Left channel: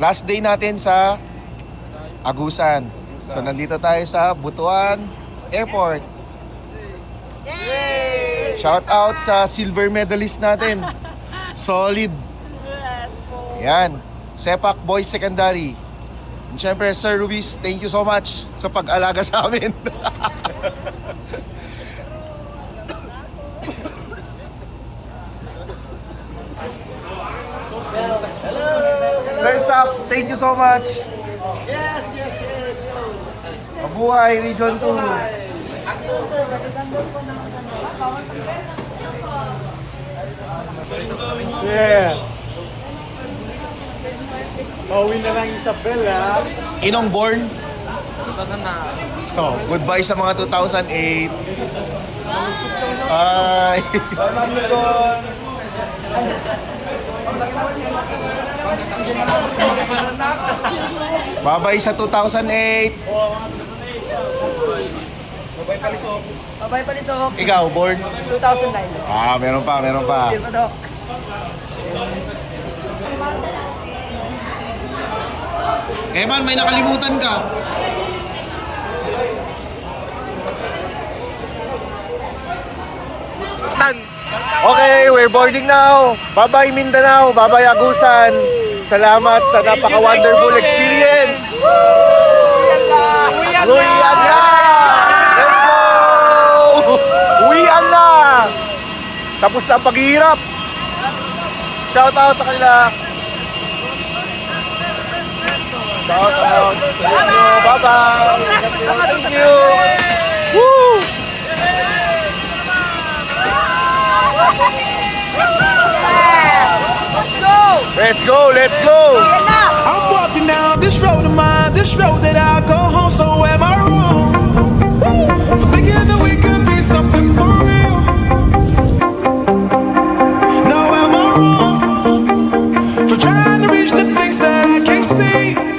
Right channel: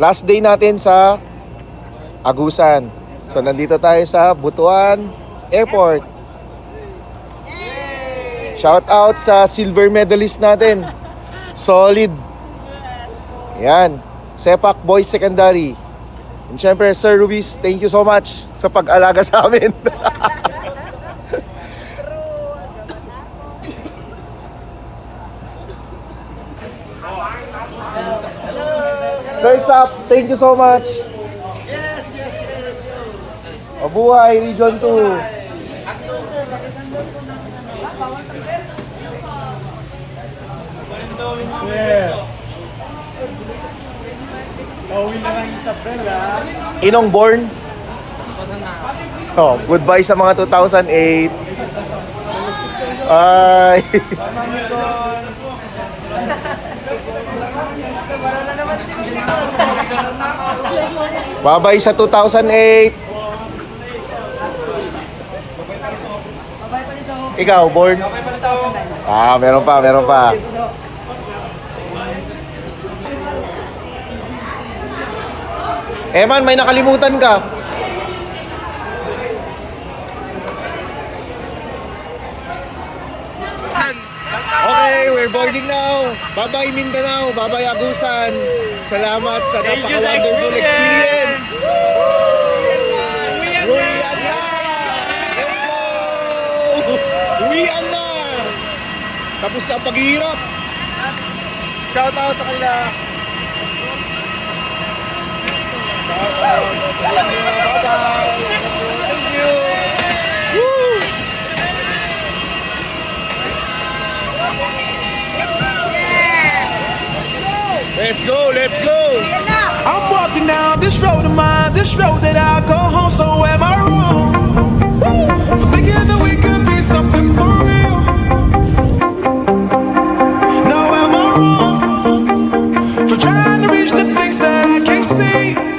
Last day natin sa Agusan. So nandito tayo sa Butuan Airport. Shout out sa silver medalist natin. Solid. Yan. Sepak Boys Secondary. And syempre, Sir Ruiz, thank you so much sa pag-alaga sa amin. First up, thank you so much. Yes. Mabuhay, Region 2. Yes. Pauwi na lang Isabel, ha? Inong born? Oh, goodbye sa mga 2008. Ay. Bye-bye sa 2008. Babay pa ni Sok. Ikaw, born? 2009. Ah, meron pa. Eman, may nakalimutan ka. Okay, we're boarding now. Bye-bye Mindanao, bye-bye Agusan. Salamat sa napaka-wonderful experience. Uwian na! Let's go! Uwian na! Tapos na ang paghihirap. Shout out sa kanila. Shout out. Bye-bye. Thank you. Woo! Let's go. I'm walking down this road of mine, this road that I go home. So am I wrong for thinking that we could be something for real? No, am I wrong for trying to reach the things that I can't see?